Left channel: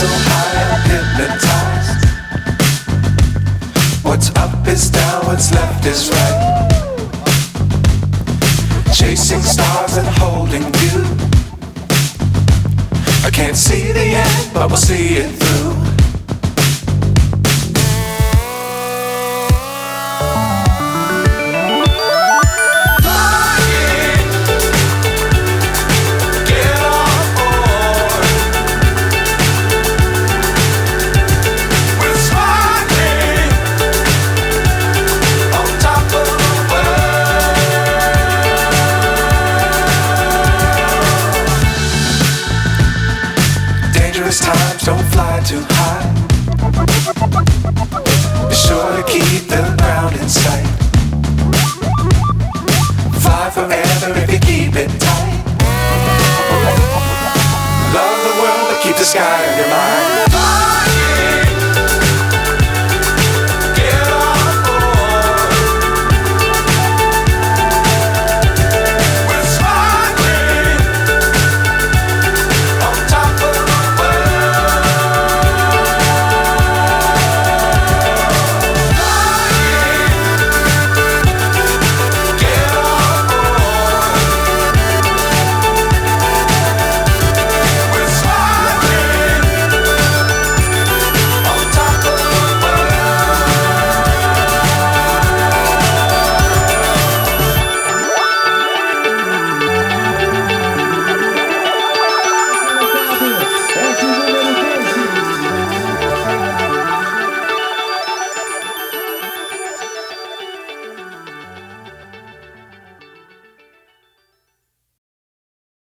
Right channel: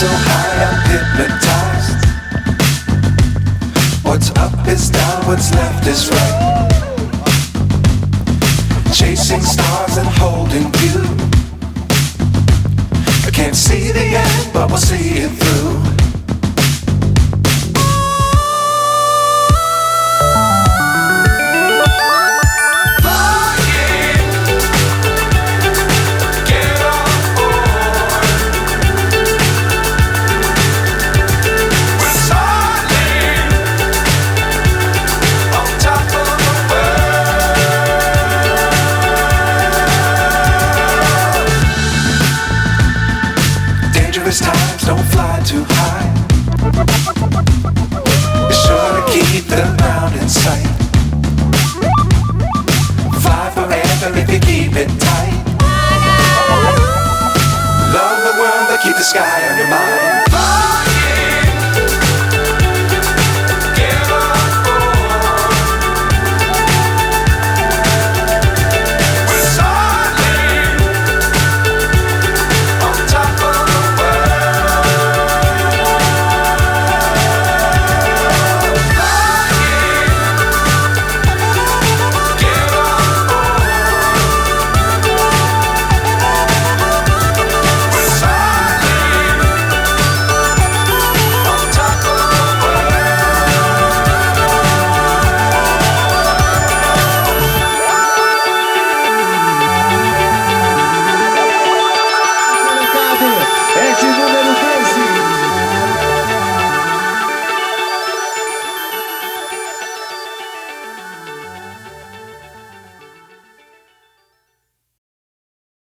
so high I'm hypnotized. What's up is down, what's left is right. Chasing stars and holding you. I can't see the end, but we'll see it through. Times don't fly too high. Be sure to keep the ground in sight. Fly forever if you keep it tight. Love the world but keep the sky